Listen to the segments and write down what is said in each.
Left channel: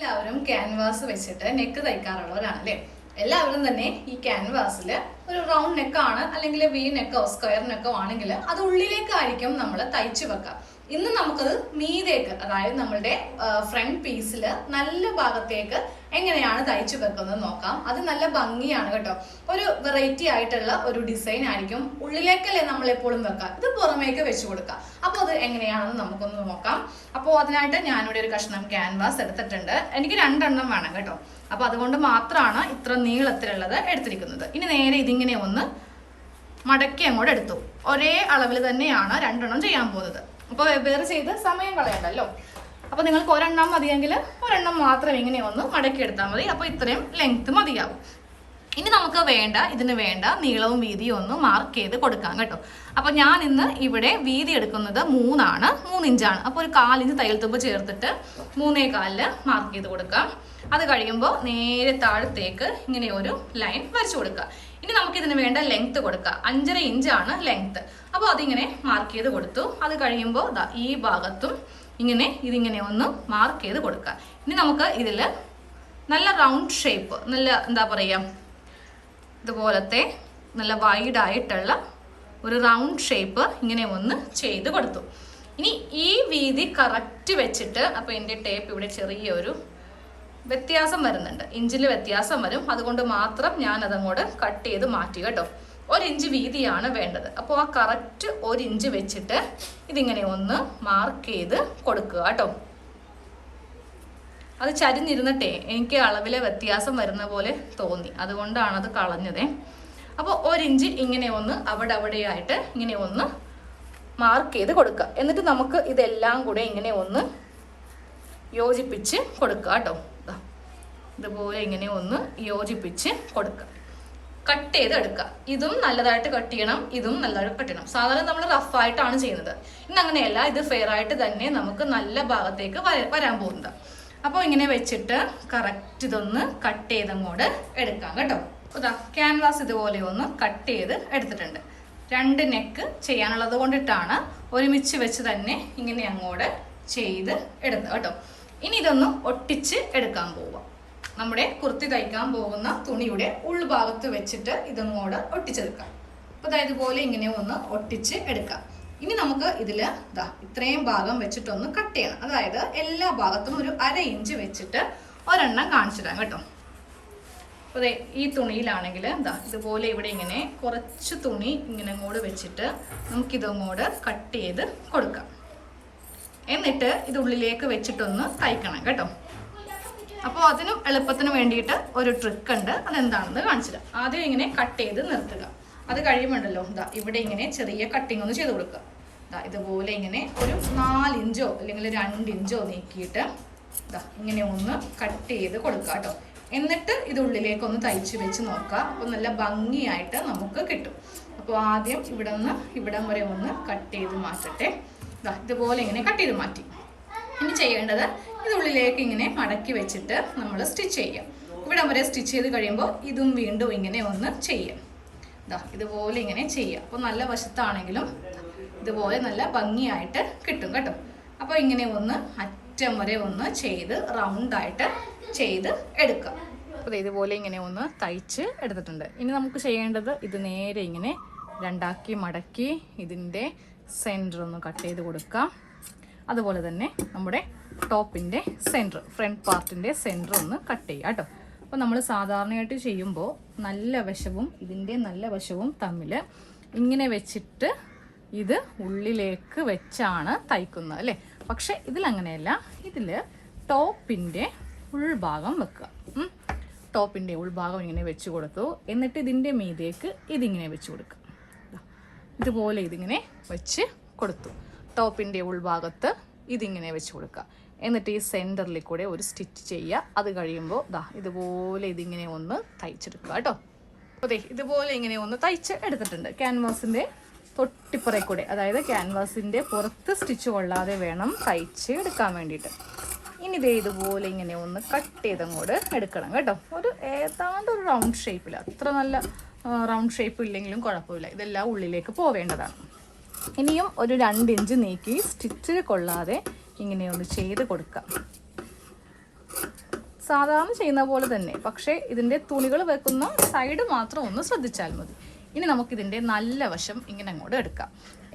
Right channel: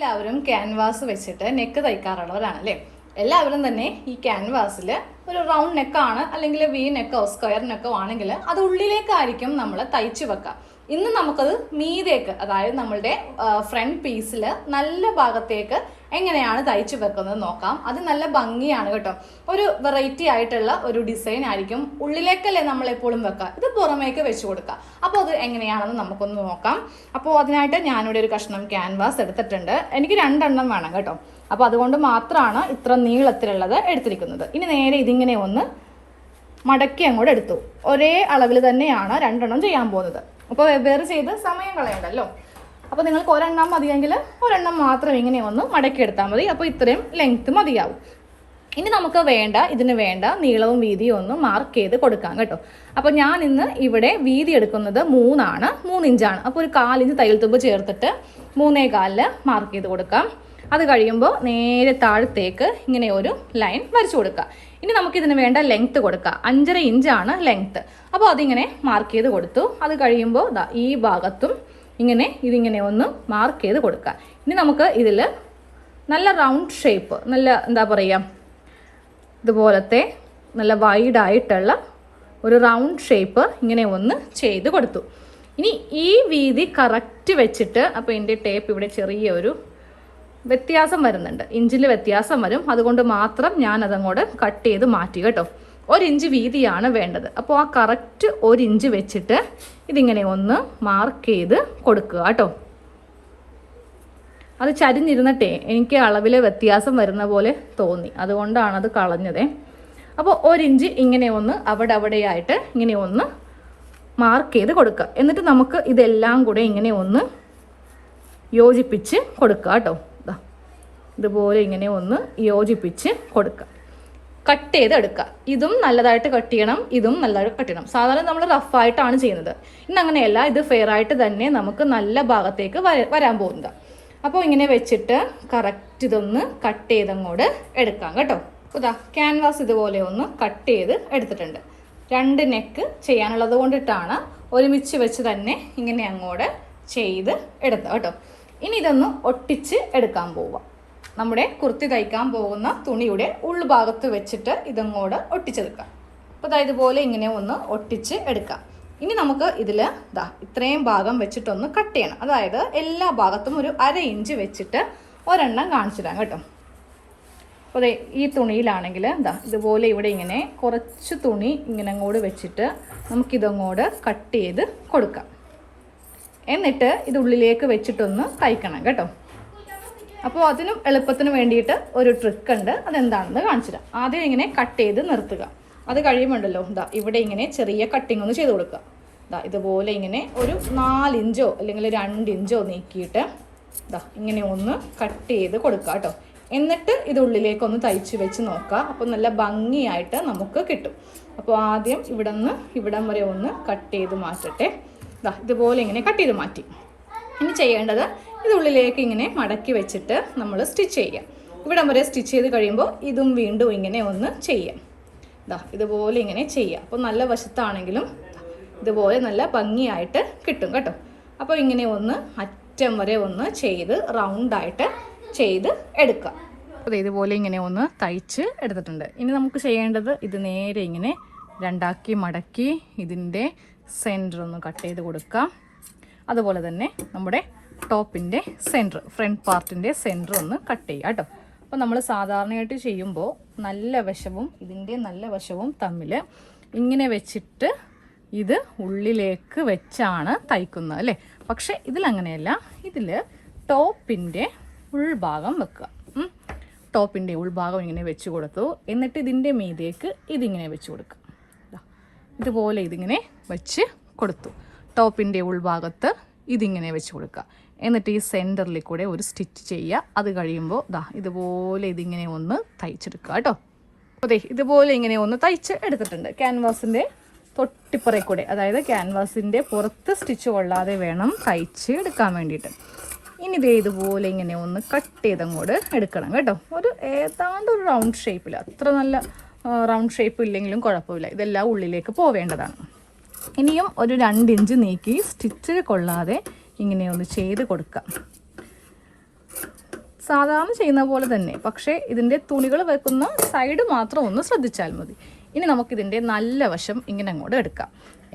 എല്ലാവരും ക്യാൻവാസ് വെച്ചിട്ട് നെക്ക് തയ്ക്കാറുള്ളവരാണ് അല്ലേ എല്ലാവരും തന്നെ ഈ ക്യാൻവാസിൽ ഒരു റൗണ്ട് നെക്കാണ് അല്ലെങ്കിൽ വി നെക്കോ സ്ക്വയർ നെക്കോ ആണെങ്കിൽ അത് ഉള്ളിലേക്കായിരിക്കും നമ്മൾ തയ്ച്ചു വെക്കുക ഇന്ന് നമുക്കത് മീതേക്ക് അതായത് നമ്മളുടെ ഫ്രണ്ട് പീസിൽ നല്ല ഭാഗത്തേക്ക് എങ്ങനെയാണ് തയ്ച്ചു വെക്കുന്നത് നോക്കാം. അത് നല്ല ഭംഗിയാണ് കേട്ടോ. ഒരു വെറൈറ്റി ആയിട്ടുള്ള ഒരു ഡിസൈൻ ആയിരിക്കും ഉള്ളിലേക്കല്ലേ നമ്മൾ എപ്പോഴും വെക്കുക ഇത് പുറമേക്ക് വെച്ച് കൊടുക്കുക അപ്പോൾ അത് എങ്ങനെയാണെന്ന് നമുക്കൊന്ന് നോക്കാം. അപ്പോൾ അതിനായിട്ട് ഞാനിവിടെ ഒരു കഷ്ണം ക്യാൻവാസ് എടുത്തിട്ടുണ്ട്. എനിക്ക് രണ്ടെണ്ണം വേണം കേട്ടോ. അപ്പോൾ അതുകൊണ്ട് മാത്രമാണ് ഇത്ര നീളത്തിലുള്ളത് എടുത്തിരിക്കുന്നത്. ഇനി നേരെ ഇതിങ്ങനെ ഒന്ന് മടക്കി അങ്ങോട്ട് എടുത്തു. ഒരേ അളവിൽ തന്നെയാണ് രണ്ടെണ്ണം ചെയ്യാൻ പോകുന്നത്. അപ്പോൾ വെവ്വേറെ ചെയ്ത് സമയം കളയണ്ടല്ലോ? അപ്പോൾ നിങ്ങൾക്ക് ഒരെണ്ണം മതിയെങ്കിൽ ഒരെണ്ണം മാത്രം ഇങ്ങനെ മടക്കി എടുത്താൽ മതി. അപ്പോൾ ഇത്രയും ലെങ്ത് മതിയാവും. ഇനി നമുക്ക് വേണ്ട ഇതിന് വേണ്ട നീളവും വീതിയും ഒന്ന് മാർക്ക് ചെയ്ത് കൊടുക്കാം കേട്ടോ. അപ്പോൾ ഞാൻ ഇന്ന് ഇവിടെ വീതി എടുക്കുന്നത് മൂന്നാണ്. മൂന്ന് ഇഞ്ചാണ്. അപ്പോൾ ഒരു കാലിഞ്ച് തയ്യൽ തുമ്പ് ചേർത്തിട്ട് മൂന്നേ കാലിൽ മാർക്ക് ചെയ്ത് കൊടുക്കാം. അത് കഴിയുമ്പോൾ നേരെ താഴത്തേക്ക് ഇങ്ങനെ ഒരു ലൈൻ വരച്ചു കൊടുക്കുക. ഇനി നമുക്ക് ഇതിന് വേണ്ട ലെങ്ത്ത് കൊടുക്കുക. അഞ്ചര ഇഞ്ചാണ് ലെങ്ത്ത് അപ്പോൾ അതിങ്ങനെ മാർക്ക് ചെയ്ത് കൊടുത്തു. അത് കഴിയുമ്പോൾ ഈ ഭാഗത്തും ഇങ്ങനെ ഇതിങ്ങനെ ഒന്ന് മാർക്ക് ചെയ്ത് കൊടുക്കുക. ഇനി നമുക്ക് ഇതിൽ നല്ല റൗണ്ട് ഷേപ്പ് നല്ല എന്താ പറയുക ഇതുപോലത്തെ നല്ല വൈഡായിട്ടുള്ള ഒരു റൗണ്ട് ഷേപ്പ് ഇങ്ങനെ ഒന്ന് ചെയ്ത് കൊടുത്തു. ഇനി ഈ വീതി കറക്റ്റ് വെച്ചിട്ട് അപ്പോൾ എന്റെ ടേപ്പ് ഇവിടെ ചെറിയൊരു വ്യത്യാസം വരുന്നുണ്ട്. ഇഞ്ചിൽ വ്യത്യാസം വരും. അതുകൊണ്ട് മാത്രം ഞാൻ അതങ്ങോട്ട് കട്ട് ചെയ്ത് മാറ്റി കേട്ടോ. ഒരു ഇഞ്ച് വീതിയാണ് വേണ്ടത്. അപ്പോൾ ആ കറക്റ്റ് ഒരു ഇഞ്ച് വെച്ചിട്ട് ഇതിങ്ങനെ ഒന്ന് മാർക്ക് ചെയ്ത് കൊടുക്കുക കേട്ടോ. അത് ചരിഞ്ഞിരുന്നിട്ടേ എനിക്ക് അളവിലെ വ്യത്യാസം വരുന്ന പോലെ തോന്നി. അതുകൊണ്ടാണ് അത് കളഞ്ഞതേ. അപ്പോൾ ഒരിഞ്ച് ഇങ്ങനെ ഒന്ന് അവിടെ അവിടെയായിട്ട് ഇങ്ങനെ ഒന്ന് മാർക്ക് ചെയ്ത് കൊടുക്കുക. എന്നിട്ട് നമുക്ക് ഇതെല്ലാം കൂടെ ഇങ്ങനെ ഒന്ന് യോജിപ്പിച്ച് കൊടുക്കുക കേട്ടോ. ഇതുപോലെ ഇങ്ങനെ ഒന്ന് യോജിപ്പിച്ച് കൊടുക്കുക കട്ട് ചെയ്ത് എടുക്കുക ഇതും നല്ലതായിട്ട് കട്ട് ചെയ്യണം ഇതും നല്ലതായിട്ട് കട്ട് ചെയ്യണം. സാധാരണ നമ്മൾ റഫായിട്ടാണ് ചെയ്യുന്നത്. ഇന്ന് അങ്ങനെയല്ല ഇത് ഫെയർ ആയിട്ട് തന്നെ നമുക്ക് നല്ല ഭാഗത്തേക്ക് വരാൻ പോകുന്നത്. അപ്പോൾ ഇങ്ങനെ വെച്ചിട്ട് കറക്റ്റ് ഇതൊന്ന് കട്ട് ചെയ്തങ്ങോട്ട് എടുക്കാം കേട്ടോ. ഇതാ ക്യാൻവാസ് ഇതുപോലെ ഒന്ന് കട്ട് ചെയ്ത് എടുത്തിട്ടുണ്ട്. രണ്ട് നെക്ക് ചെയ്യാനുള്ളത് കൊണ്ടിട്ടാണ് ഒരുമിച്ച് വെച്ച് തന്നെ ഇങ്ങനെ അങ്ങോട്ട് ചെയ്ത് എടുത്തത് കേട്ടോ. ഇനി ഇതൊന്ന് ഒട്ടിച്ച് എടുക്കാൻ പോവാം നമ്മുടെ കുർത്തി തയ്ക്കാൻ പോകുന്ന തുണിയുടെ ഉൾഭാഗത്ത് വെച്ചിട്ട് ഇതങ്ങോട് ഒട്ടിച്ചെടുക്കാം അപ്പോൾ അതായത് ഇതുപോലെ ഇങ്ങനെ ഒന്ന് ഒട്ടിച്ച് എടുക്കാം ഇനി നമുക്ക് ഇതിൽ ഇതാ ഇത്രയും ഭാഗം വെച്ചിട്ടൊന്ന് കട്ട് ചെയ്യണം. അതായത് എല്ലാ ഭാഗത്തും ഒരു അര ഇഞ്ച് വെച്ചിട്ട് ഒരെണ്ണം കാണിച്ചു തരാം കേട്ടോ അപ്പോൾ ഈ തുണിയിലാണെങ്കിൽ എന്താ ഇതുപോലെ ഇവിടെ ഇങ്ങനെ കുറച്ച് തുണി ഇങ്ങനെ അങ്ങോട്ട് വെച്ചിട്ട് നമുക്കിതങ്ങോട്ട് കട്ട് ചെയ്ത് കൊടുക്കാം. എന്നിട്ട് ഇത് ഉള്ളിലേക്ക് വെച്ചിട്ടൊന്ന് തയ്ക്കണം കേട്ടോ. അപ്പോൾ അതിനും എളുപ്പത്തിന് വേണ്ടിയിട്ട് ഒരു ട്രിക്ക് ഉണ്ട്. അതെന്താണെന്ന് കാണിച്ചു തരാം ആദ്യം ഇങ്ങനെ കട്ട് ചെയ്ത് നിർത്തുക. അത് കഴിയുമുണ്ടല്ലോ ഇതാ ഇവിടെ ഇങ്ങനെ ചെറിയ കട്ടിങ് ഒന്ന് ചെയ്ത് കൊടുക്കുക. ഇതാ ഇതുപോലെ ഇങ്ങനെ ഒരു നാലിഞ്ചോ അല്ലെങ്കിൽ രണ്ടിഞ്ചോ നീക്കിയിട്ട് ഇതാ ഇങ്ങനെ ഒന്ന് കട്ട് ചെയ്ത് കൊടുക്കുക കേട്ടോ. എന്നിട്ട് ഇത് ഉള്ളിലേക്കൊന്ന് തയ്ച്ച് വെച്ച് നോക്കുക. അപ്പോൾ നല്ല ഭംഗിയായിട്ട് നമുക്ക് കിട്ടും. അപ്പോൾ ആദ്യം ഇവിടെ നിന്ന് ഇവിടം വരെ ഒന്ന് കട്ട് ചെയ്ത് മാറ്റട്ടെ. ഇതാ ഇതുപോലെ ഇങ്ങനെ കട്ട് ചെയ്ത് മാറ്റി. ഇനി ചെയ്യേണ്ടത് ഇത് ഉള്ളിലേക്ക് ഇങ്ങനെ മടക്കി വെച്ചിട്ട് നമ്മൾ സ്റ്റിച്ച് ചെയ്യാം. ഇവിടം വരെ സ്റ്റിച്ച് ചെയ്ത് കഴിയുമ്പോൾ ഇതും വീണ്ടും ഇങ്ങനെ ഒന്ന് ചെയ്യാം. ഇതാ ഇതുപോലെ ഇങ്ങനെ ചെയ്യാം. അപ്പോൾ നല്ല വശത്താണെങ്കിലും ഇതുപോലെ നല്ല ഭംഗിയായിട്ട് കിട്ടും കേട്ടോ. അപ്പോൾ ഇങ്ങനെ ഒന്ന് അറ്റം വരെ ഒന്ന് ചെയ്ത് റൗണ്ടായിട്ട് ചെയ്ത് എടുക്കാം. അതെ ഇതുപോലെ ഇങ്ങനെ ഒന്ന് തയ്ച്ച് എടുത്തിട്ടുണ്ട്. ഇനി നമുക്ക് ചെയ്യേണ്ടത് ഇത് നേരെ ഇങ്ങനെ രണ്ടാക്കി മടക്കി ഇതിന്റെ സെന്റർ ഒന്ന് കട്ട് ചെയ്ത് കൊടുക്കാം അതുപോലെ തന്നെ നമ്മുടെ ടോപ്പിന്റെ സെന്റർ ഫ്രണ്ട് പാർട്ടിന്റെ സെന്റർ ഒന്ന് കട്ട് ചെയ്യുക കേട്ടോ. അപ്പോൾ നമ്മൾ സാധാരണയായിട്ട് ചെയ്യുമ്പോൾ നല്ല വശവും ഇതിന്റെ നല്ല വശവും തമ്മിൽ ഇങ്ങനെ വെച്ചിട്ട് ഇത് ഉള്ളിലേക്ക് വെച്ചാണ് തയ്ക്കുന്നത് അല്ലേ? പക്ഷെ ഇതിലങ്ങനെയല്ല. ഇതിൽ ടോപ്പിന്റെ ഉൾഭാഗം വെക്കുക. ടോപ്പിന്റെ ഉൾഭാഗം ഇങ്ങനെ വെച്ച് കൊടുത്തു. എന്നിട്ട് ഇതിന്റെ മീതേക്ക് ഇതിങ്ങനെ വെച്ച് കൊടുക്കുക. ഇതുപോലെ ഇതിങ്ങനെ വെച്ച് കൊടുത്തു. ടോപ്പിന്റെ ഉൾഭാഗത്ത് ഇതിങ്ങനെ വെച്ച് കൊടുക്കുക. എന്നിട്ട് ഈ സെന്ററിൽ കൂടെ ഒരു സ്റ്റിച്ച് ചെയ്യുക. അത് കഴിയുമ്പോൾ ദാ ഇതുപോലെ ഇതിങ്ങനെ ഒന്ന് തയ്ച്ചെടുക്കുക കേട്ടോ. അതെ ഇതുപോലെ ഇങ്ങനെ ഒന്ന് തയ്ച്ച് എടുത്തിട്ടുണ്ട്. ക്യാൻവാസിന്റെ തൊട്ടിപ്പുറയിൽ കൂടെ അതായത് ക്യാൻവാസിന്റെ പുറത്ത് സ്റ്റിച്ച് കൊള്ളാതെ വേണം തയ്ച്ച് എടുക്കാൻ വേണ്ടിയിട്ട്. ഇനി ദേ ഇതുപോലെ ഇങ്ങനെ ഒന്ന് കട്ട് ചെയ്തങ്ങോട്ട് എടുക്കണം കേട്ടോ. ഒരു ഏതാണ്ട് ഒരു റൗണ്ട് ഷേപ്പിൽ അത്ര നല്ല റൗണ്ട് ഷേപ്പ് ഇല്ലെങ്കിലും കുഴപ്പമില്ല. ഇതെല്ലാം ഉള്ളിലേക്ക് പോവേണ്ടതാണ്. ഇനിയും ഒരു രണ്ട് ഇഞ്ച് നീക്കി സ്റ്റിച്ച് കൊള്ളാതെ ഇങ്ങനെ ഒന്ന് ചെയ്ത് കൊടുക്കാം. സാധാരണ ചെയ്യുന്ന പോലെ തന്നെ. പക്ഷേ ഇതിന്റെ തുണികൾ വെക്കുന്ന സൈഡ് മാത്രം ഒന്ന് ശ്രദ്ധിച്ചാൽ മതി. ഇനി നമുക്കിതിന്റെ നല്ല വശം ഇങ്ങനെ അങ്ങോട്ട് എടുക്കാം.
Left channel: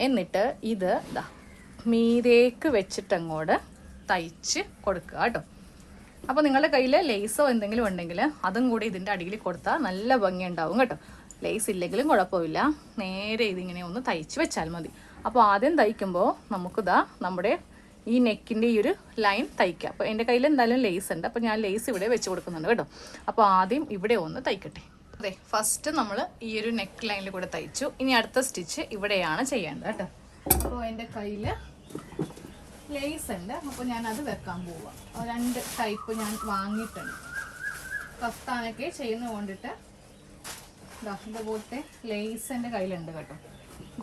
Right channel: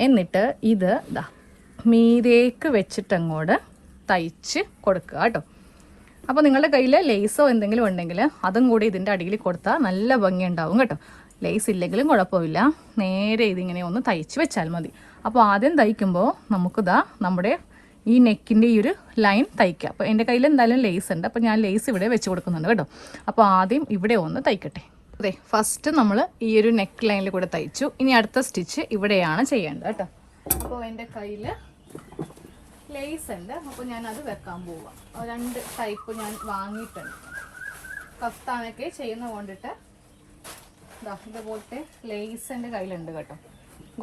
എന്നിട്ട് ഇത് മീതേക്ക് വെച്ചിട്ടങ്ങോട്ട് തയ്ച്ച് കൊടുക്കുക കേട്ടോ. അപ്പോൾ നിങ്ങളുടെ കയ്യിൽ ലേസോ എന്തെങ്കിലും ഉണ്ടെങ്കിൽ അതും കൂടി ഇതിന്റെ അടിയിൽ കൊടുത്താൽ നല്ല ഭംഗി ഉണ്ടാവും കേട്ടോ. ലേസ് ഇല്ലെങ്കിലും കുഴപ്പമില്ല. നേരെ ഇതിങ്ങനെ ഒന്ന് തയ്ച്ച് വെച്ചാൽ മതി. അപ്പോൾ ആദ്യം തയ്ക്കുമ്പോൾ നമുക്കിതാ നമ്മുടെ ഈ നെക്കിന്റെ ഈ ഒരു ലൈൻ തയ്ക്കുക അപ്പോൾ എന്റെ കയ്യിൽ എന്തായാലും ലേസ് ഉണ്ട്. അപ്പോൾ ഞാൻ ലേസ് ഇവിടെ വെച്ച് കൊടുക്കുന്നുണ്ട് കേട്ടോ. അപ്പോൾ ആദ്യം ഇവിടെ ഒന്ന് തയ്ക്കട്ടെ. അതെ ഫസ്റ്റ് നമ്മൾ ഈ ഒരു നെക്ക് ലൈനിൽ കൂടെ തയ്ച്ചു. ഇനി അടുത്ത സ്റ്റിച്ച് ഇവിടെയാണ് ചെയ്യേണ്ടത് കേട്ടോ. അപ്പോൾ എന്റെ കയ്യിൽ ലേസ് ഉണ്ട്. അപ്പോൾ ഞാൻ അത് വെക്കാൻ പോവാം. രണ്ട് ടൈപ്പ് ഞാൻ വാങ്ങിയിട്ടുണ്ട്. കഫ്താനൊക്കെ ചെയ്യുന്ന കൊണ്ടിട്ട് ഇതുപോലത്തെ ലേസ് എന്റെ കയ്യിലുണ്ട് കേട്ടോ.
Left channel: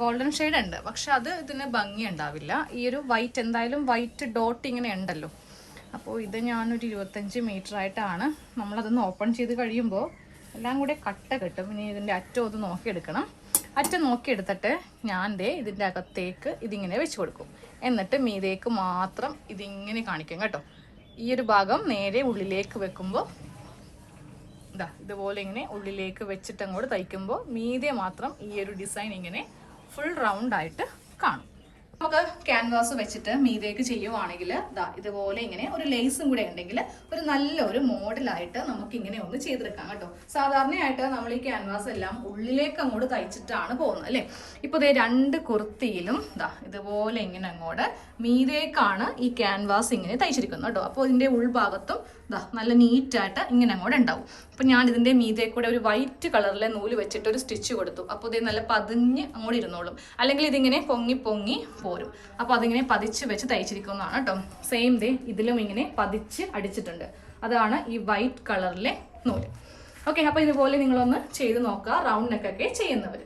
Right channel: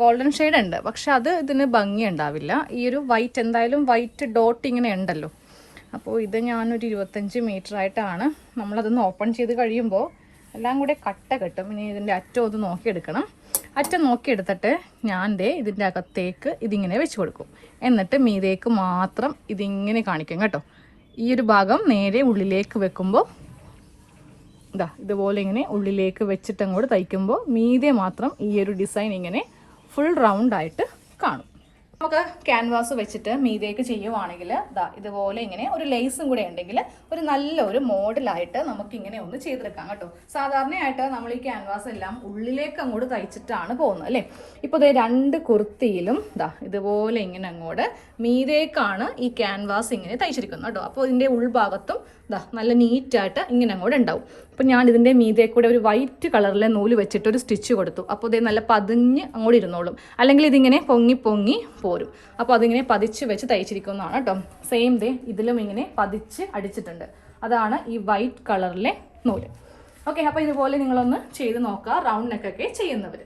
ഗോൾഡൻ ഷെയ്ഡ് ഉണ്ട്. പക്ഷെ അത് ഇതിന് ഭംഗി ഉണ്ടാവില്ല. ഈ ഒരു വൈറ്റ് എന്തായാലും വൈറ്റ് ഡോട്ട് ഇങ്ങനെ ഉണ്ടല്ലോ. അപ്പോൾ ഇത് ഞാനൊരു ഇരുപത്തഞ്ച് മീറ്റർ ആയിട്ടാണ് നമ്മളതൊന്ന് ഓപ്പൺ ചെയ്ത് കഴിയുമ്പോൾ എല്ലാം കൂടെ കട്ട കെട്ടും. ഇനി ഇതിന്റെ അറ്റം ഒന്ന് നോക്കിയെടുക്കണം. അറ്റം നോക്കിയെടുത്തിട്ട് ഞാൻ ദേ ഇതിന്റെ അകത്തേക്ക് ഇതിങ്ങനെ വെച്ച് കൊടുക്കും. എന്നിട്ട് മീതേക്ക് മാത്രം ഇതിങ്ങനെ കാണിക്കും കേട്ടോ. ഈ ഒരു ഭാഗം നേരെ ഉള്ളിലേക്ക് വെക്കുമ്പോൾ ഇതാ ഇതുപോലെ ഇങ്ങനെ ഉള്ളിലേക്ക് വെച്ചിട്ട് അങ്ങോട്ട് തയ്ക്കുമ്പോൾ മീതെ മാത്രം ഈ ഒരു ഡിസൈൻ ഇങ്ങനെ ഫുൾ റൗണ്ട് ആയിട്ട് കാണും. നമുക്ക് ക്യാൻവാസ് വെച്ചിട്ട് മീതേക്ക് ചെയ്യുവാണെങ്കിൽ ഇതാ ഇതുപോലെ ഇങ്ങനെ ഒരു ലേസും കൂടെ ഉണ്ടെങ്കിൽ ഒരു നല്ലൊരു മോഡലായിട്ട് നമുക്ക് ഇങ്ങനെ ഒന്ന് ചെയ്തെടുക്കാം കേട്ടോ. സാധാരണയായിട്ട് നമ്മൾ ഈ ക്യാൻവാസ് എല്ലാം ഉള്ളിലേക്ക് അങ്ങോട്ട് തയ്ച്ചിട്ടാണ് പോകുന്നത് അല്ലേ? ഇപ്പോൾ ഇതേ രണ്ട് കുർത്തിയിലും ഇതാ ഇതുപോലെ ഇങ്ങനെ അങ്ങോട്ട് മീതേക്കാണ് ഈ ക്യാൻവാസ് ഇങ്ങനെ തയ്ച്ചിരിക്കുന്നത് കേട്ടോ. അപ്പോൾ ഇതിന്റെ ഉൾഭാഗത്തും ഇതാ നല്ല നീറ്റായിട്ട് ഇങ്ങനെ അങ്ങോട്ട് ഉണ്ടാവും. അപ്പോൾ ഞാൻ ഇതിന്റെ മീതേ കൂടെ ഒരു വൈറ്റ് കളറിലെ നൂൽ വെച്ചിട്ട് ഒരു സ്റ്റിച്ച് കൊടുത്തു. അപ്പോൾ ഇതേ നല്ല പതിഞ്ഞ് അങ്ങോട്ട് ഇരുന്നോളും. അല്ലെങ്കിൽ ഇതിങ്ങനെ പൊങ്ങി പൊങ്ങി പോരും. അപ്പോൾ അതിങ്ങനെ പതിച്ച് വെച്ച് തയ്ച്ചിരിക്കുന്നതാണ് കേട്ടോ. സെയിം ദേ ഇതിലും ഇങ്ങനെ പതിച്ച് അടിച്ചിട്ടുണ്ട്. അതാണ് ഈ വൈറ്റ് കളറിലെ നൂൽ. ഓക്കെ അപ്പോൾ ഇതുപോലെ നിങ്ങളൊന്ന് ചെയ്ത് നോക്കുക. റൗണ്ട് നെക്കൊക്കെ ചെയ്യുന്നവർ